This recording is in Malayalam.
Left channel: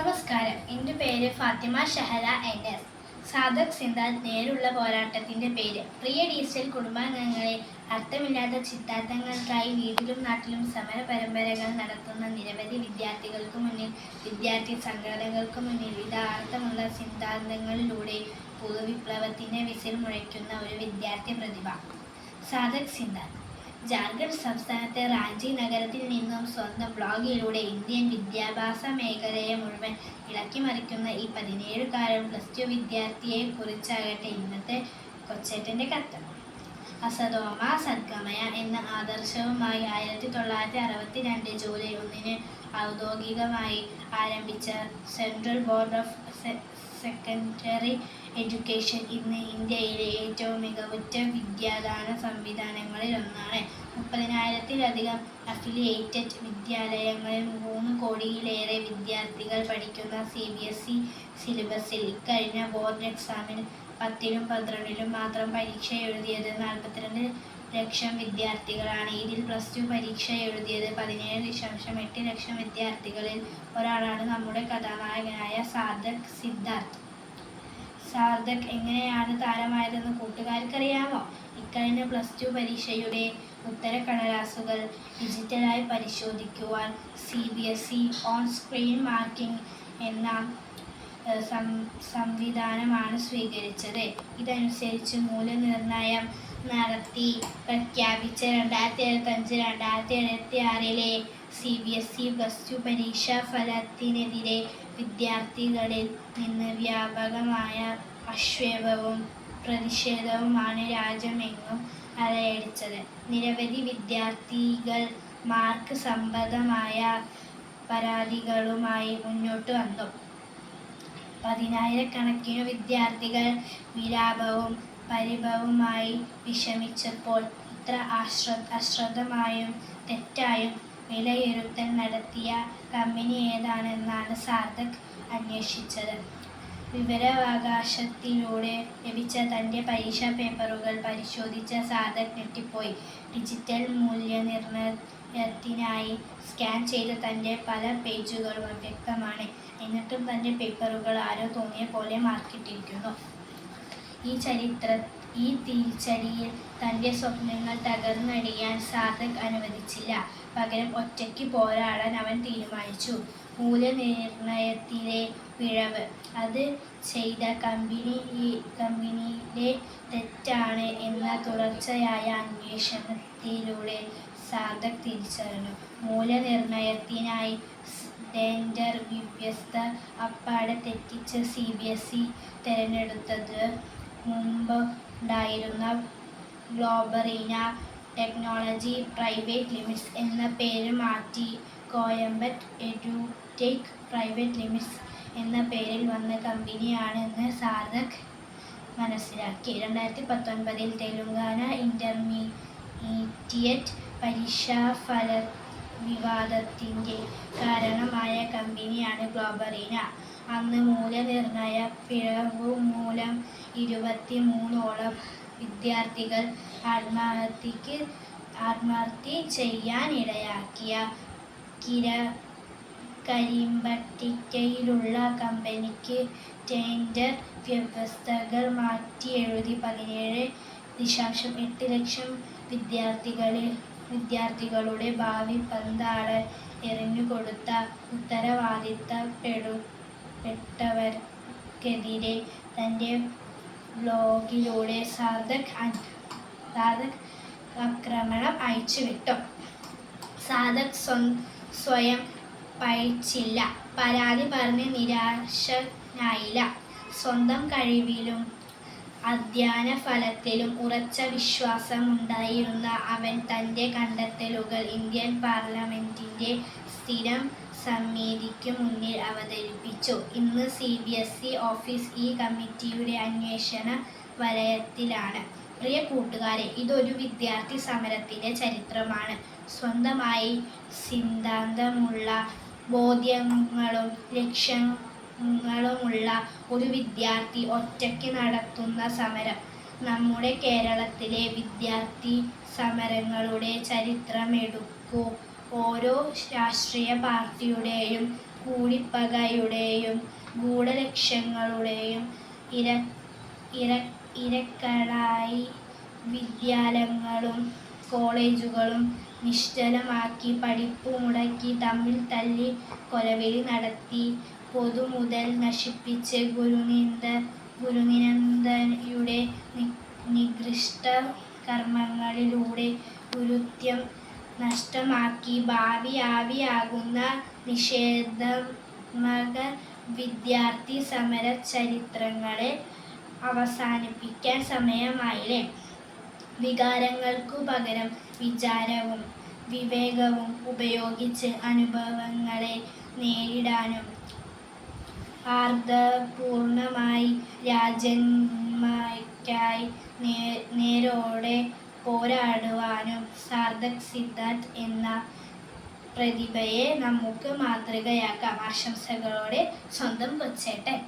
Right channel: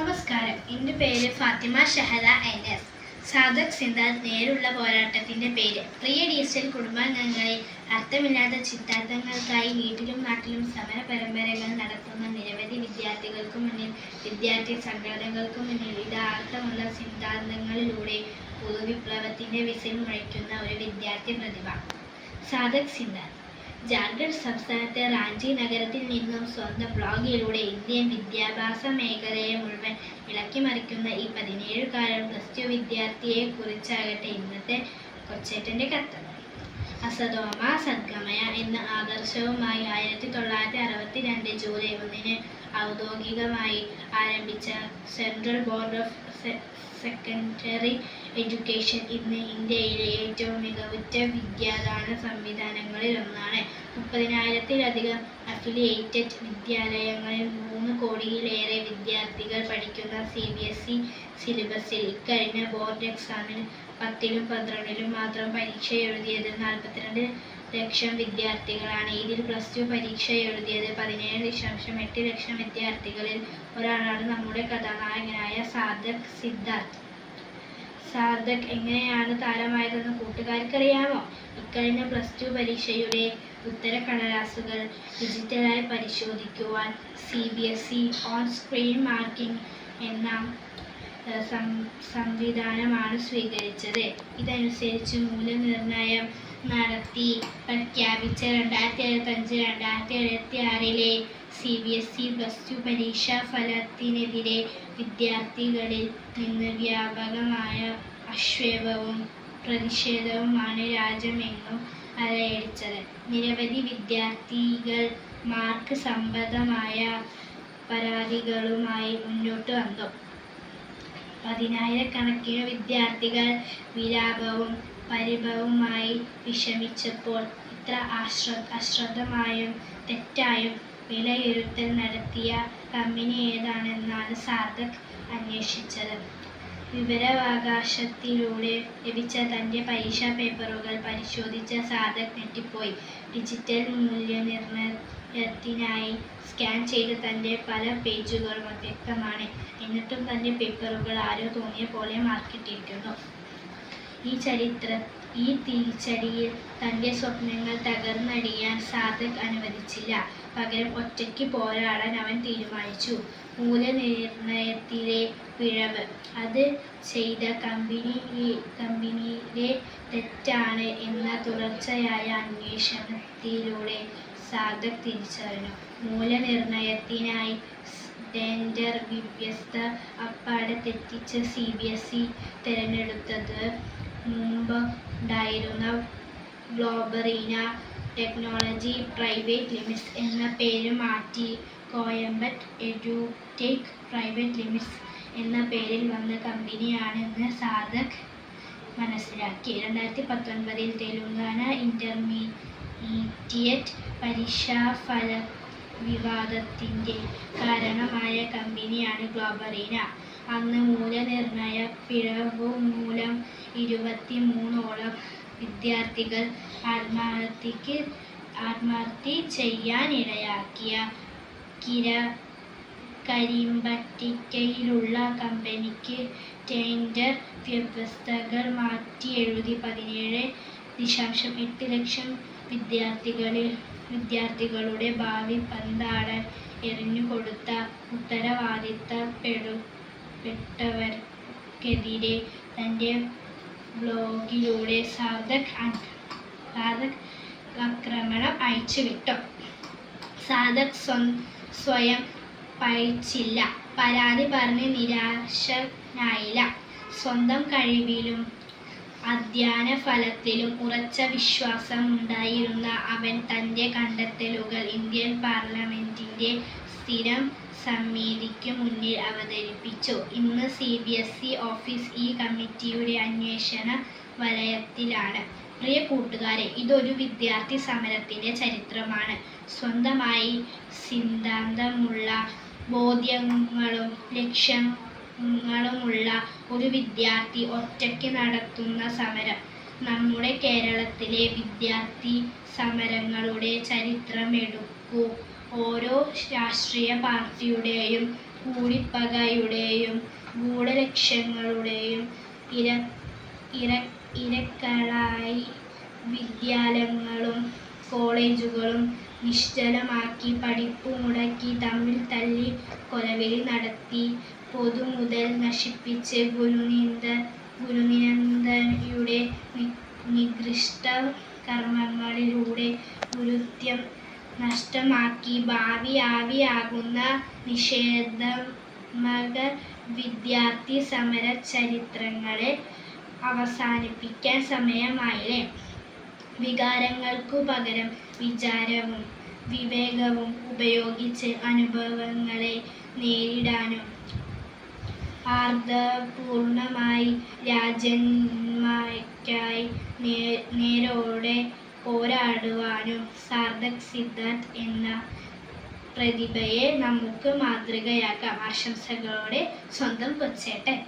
നമസ്കാരം. എൻ്റെ പേര് ഫാത്തിമ ഷഹല NS. സാദക് സിദ്ധാർത്ഥ് നേരുള്ള പോരാട്ടത്തിൻ്റെ പേര്. പ്രിയ ഡിജിറ്റൽ കുടുംബാംഗങ്ങളെ, അർത്ഥമില്ലാത്ത ചിത്താർത്ഥങ്ങൾക്കായി വീട്ടിലും നാട്ടിലും സമര പരമ്പരകൾ നടത്തുന്ന നിരവധി വിദ്യാർത്ഥികൾക്ക് മുന്നിൽ, വിദ്യാർത്ഥി സംഘടനകൾക്ക് മുന്നിൽ ഇതാർത്ഥമുള്ള സിദ്ധാന്തങ്ങളിലൂടെ പുതുവിപ്ലവത്തിൻ്റെ വിസിൽ മുഴക്കുന്ന ഒരു വിദ്യാർത്ഥി പ്രതിഭ സാദക് സിദ്ധാർത്ഥ്. ജാർഖണ്ഡ് സംസ്ഥാനത്തെ റാഞ്ചി നഗരത്തിൽ നിന്നും സ്വന്തം ബ്ലോഗിലൂടെ ഇന്ത്യൻ വിദ്യാഭ്യാസ മേഖലയെ മുഴുവൻ ഇളക്കിമറിക്കുന്ന ഈ 17കാരൻ +2 വിദ്യാർത്ഥിയെ കുറിച്ചാകട്ടെ ഇന്നത്തെ കൊച്ചേട്ടൻ്റെ കത്ത്. അസതോമ സദ്ഗമയ എന്ന ആദർശവുമായി 1962 ജൂലൈ 1 ഔദ്യോഗികമായി ആരംഭിച്ച central board of secondary education ഇന്ന് ഇന്ത്യയിലെ ഏറ്റവും മികവുറ്റ വിദ്യാദാന സംവിധാനങ്ങളിൽ ഒന്നാണ്. 30,000-ലധികം അഫിലിയേറ്റഡ് വിദ്യാലയങ്ങളിൽ 3 കോടിയിലേറെ വിദ്യാർത്ഥികൾ പഠിക്കുന്ന CBSE സിലബസിൽ ഇക്കഴിഞ്ഞ ബോർഡ് എക്സാമിന് 10ലും 12ലും മാത്രം പരീക്ഷ എഴുതിയത് 42 ലക്ഷം വിദ്യാർത്ഥികളാണ്. ഇതിൽ +2 പരീക്ഷ എഴുതിയത് 17.8 ലക്ഷം വിദ്യാർത്ഥികളിൽ ഒരാളാണ് നമ്മുടെ കഥാനായകനായ സാദക് സിദ്ധാർത്ഥ്. സാദക് എങ്ങനെയാണ് താരമായതെന്ന് കൂട്ടുകാർക്കറിയാമോ? ഇക്കഴിഞ്ഞ +2 പരീക്ഷയുടെ ഉത്തരക്കടലാസുകൾ ഡിജിറ്റലായി പരിശോധിക്കുവാൻ CBSE ഓൺ സ്ക്രീൻ മാർക്കിംഗ് എന്ന സംവിധാനമാണ് സ്വീകരിച്ചത്. ഇതനുസരിച്ച് മൂല്യനിർണ്ണയം നടത്തി പ്രഖ്യാപിച്ച 2075-2076 CBSE +2 പരീക്ഷാ ഫലത്തിനെതിരെ വിദ്യാർത്ഥികളിൽ നിന്ന് വ്യാപകമായ ആക്ഷേപവും പ്രതിഷേധവുമാണ് രാജ്യമെങ്ങും അലയടിച്ചത്. നിരവധി വിദ്യാർത്ഥികൾ മാർക്ക് സംബന്ധമായ പരാതികളുമായി മുന്നോട്ട് വന്നു. 10,000-കണക്കിന് വിദ്യാർത്ഥികൾ വിലാപവും പരിഭവവുമായി വിഷമിച്ചപ്പോൾ ഇത്ര അശ്രദ്ധമായും തെറ്റായും വിലയിരുത്തൽ നടത്തിയ കമ്പനി ഏതാണെന്നാണ് സാദക് അന്വേഷിച്ചത്. വിവരാവകാശത്തിലൂടെ ലഭിച്ച തൻ്റെ പരീക്ഷാ പേപ്പറുകൾ പരിശോധിച്ച സാദക് ഞെട്ടിപ്പോയി. ഡിജിറ്റൽ മൂല്യനിർണ്ണയത്തിനായി സ്കാൻ ചെയ്ത തൻ്റെ പല പേജുകളും അവ്യക്തമാണ്. എന്നിട്ടും തൻ്റെ പേപ്പറുകൾ ആരോ തോന്നിയ പോലെ മാർക്കിട്ടിരിക്കുന്നു. ഈ തിരിച്ചടിയിൽ തൻ്റെ സ്വപ്നങ്ങൾ തകർന്നടിയാൻ സാദക് അനുവദിച്ചില്ല. പകരം ഒറ്റയ്ക്ക് പോരാടാൻ അവൻ തീരുമാനിച്ചു. മൂല്യനിർണ്ണയത്തിലെ പിഴവ് അത് ചെയ്ത കമ്പനിയിലെ തെറ്റാണ് എന്ന തുടർച്ചയായ അന്വേഷണത്തിലൂടെ സാദക് തിരിച്ചറിഞ്ഞു. മൂല്യനിർണ്ണയത്തിനായി ഡേഞ്ചർ വ്യവസ്ഥ അപ്പാടെ തെറ്റിച്ച CBSE തിരഞ്ഞെടുത്തത് മുമ്പുണ്ടായിരുന്ന ഗ്ലോബറീന ടെക്നോളജി പ്രൈവറ്റ് ലിമിറ്റഡ് എന്ന പേര് മാറ്റി കോയമ്പറ്റ് എഡ്യൂടെക് പ്രൈവറ്റ് ലിമിറ്റഡ് എന്ന പേരിൽ വന്ന കമ്പനിയാണെന്ന് സാദക് മനസ്സിലാക്കി. 2019 തെലുങ്കാന ഇന്റർമീഡിയറ്റ് പരീക്ഷാഫല വിവാദത്തിൻ്റെ കാരണമായ കമ്പനിയാണ് ഗ്ലോബറീന. അന്ന് മൂല്യനിർണ്ണയ പിഴവു മൂലം 23ഓളം വിദ്യാർത്ഥികൾ ആത്മഹത്യ ചെയ്യാനിടയാക്കിയ കരിമ്പട്ടികയിലുള്ള കമ്പനിക്ക് ടെൻഡർ വ്യവസ്ഥകൾ മാറ്റിയെഴുതി 17.8 ലക്ഷം വിദ്യാർത്ഥികളുടെ ഭാവി പന്താടാൻ എറിഞ്ഞുകൊടുത്ത ഉത്തരവാദിത്തപ്പെട്ടവർക്കെതിരെ തൻ്റെ ബ്ലോഗിലൂടെ സാദക് ആക്രമണം അഴിച്ചുവിട്ടു. സാദക് സ്വയം പഴിച്ചില്ല, പരാതി പറഞ്ഞ് നിരാശനായില്ല. സ്വന്തം കഴിവിലും അധ്യയന ഫലത്തിലും ഉറച്ച വിശ്വാസമുണ്ടായിരുന്ന അവൻ തൻ്റെ കണ്ടെത്തലുകൾ ഇന്ത്യൻ പാർലമെന്റിൻ്റെ സ്ഥിരം സമിതിക്ക് മുന്നിൽ അവതരിപ്പിച്ചു. ഇന്ന് CBSE ഓഫീസ് ഈ കമ്മിറ്റിയുടെ അന്വേഷണ വലയത്തിലാണ്. പ്രിയ കൂട്ടുകാരെ, ഇതൊരു വിദ്യാർത്ഥി സമരത്തിൻ്റെ ചരിത്രമാണ്. സ്വന്തമായി സിദ്ധാന്തമുള്ള ബോധ്യങ്ങളും ലക്ഷ്യങ്ങളുമുള്ള ഒരു വിദ്യാർത്ഥി ഒറ്റയ്ക്ക് നടത്തുന്ന സമരം. നമ്മുടെ കേരളത്തിലെ വിദ്യാർത്ഥി സമരങ്ങളുടെ ചരിത്രമെടുക്കൂ. ഓരോ രാഷ്ട്രീയ പാർട്ടിയുടെയും കൂടിപ്പകയുടെയും ഗൂഢലക്ഷ്യങ്ങളുടെയും ഇരകളായി വിദ്യാലയങ്ങളും കോളേജുകളും നിശ്ചലമാക്കി, പഠിപ്പു മുടക്കി, തമ്മിൽ തല്ലി, കൊലവിളി നടത്തി, പൊതുമുതൽ നശിപ്പിച്ച്, ഗുരുനിന്ദയുടെ നികൃഷ്ട കർമ്മങ്ങളിലൂടെ ഗുരുത്വം നഷ്ടമാക്കി, ഭാവി ആവിയാകുന്ന നിഷേധാത്മക വിദ്യാർത്ഥി സമര ചരിത്രങ്ങളെ അവസാനിപ്പിക്കാൻ സമയമായില്ലേ? വികാരങ്ങൾക്കു പകരം വിചാരവും വിവേകവും ഉപയോഗിച്ച് അനുഭവങ്ങളെ നേരിടാനും ആർദ്രപൂർണമായി രാജന്മാർക്കായി നേരോടെ പോരാടുവാനും സാർത്ഥക് സിദ്ധാർത്ഥ് എന്ന പ്രതിഭയെ നമുക്ക് മാതൃകയാക്കാം. ആശംസകളോടെ സ്വന്തം കൊച്ചേട്ടൻ.